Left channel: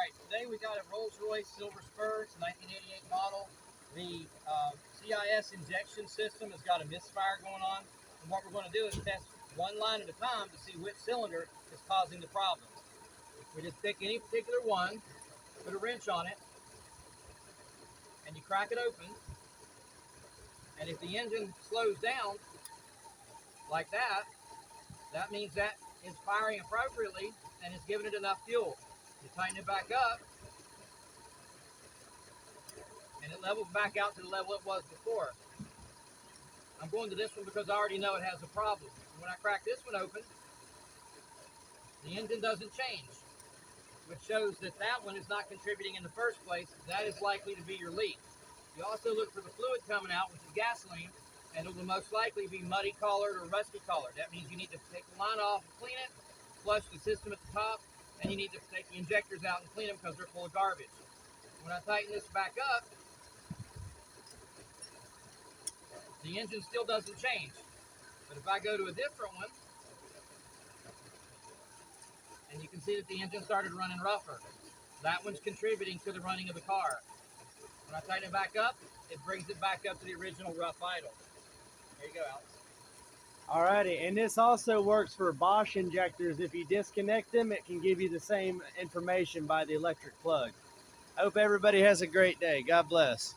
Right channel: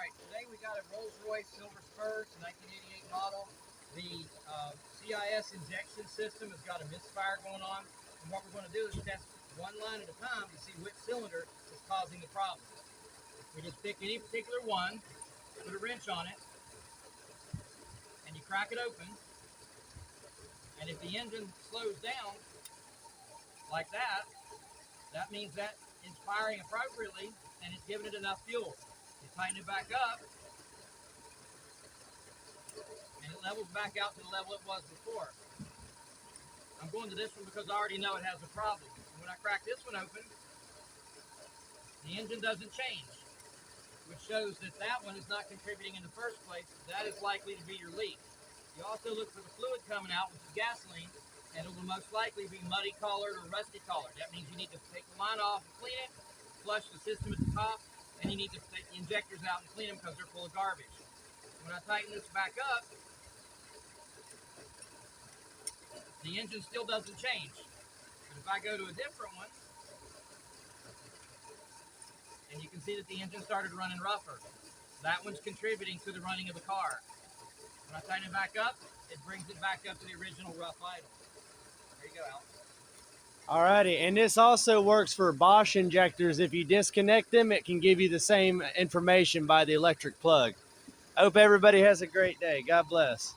right, today we got a Rolls-Royce Silver Spur. It's a 1988 model. The CIS injection system has got a misfire going on. And what we're going to do is test one line at a time to see which cylinder is causing the problem. We just pick any particular one, put a wrench on it, and you crack it open. And if the engine slows down like that, that means that it's firing appropriately and it's giving it enough fuel. You tighten it back up, and it levels back out to the level it was before. I'm going to this one because I already know it has a problem. When I crack this one open, the engine doesn't change, which shows that that one is not contributing in the first place. That is likely to be your leak. You also look for the fluid coming out, which is gasoline, and it will most likely be muddy colored or rusty colored. That means you need to take the line off and clean it, flush the system at the top, and you need to take the injectors out and clean them because they're full of garbage. When I tighten this back up, the engine still doesn't change. But if I go to a different one, and you can see that the engine started running rougher, that one's contributing to the running of the car. When I tighten it back up, it brings it back up to the original rough idle. There you go, Alex. Alrighty, and this also works for Bosch injectors. If you disconnect them, it can give you the same information by the electric plug. I hope everybody has a great day. God bless.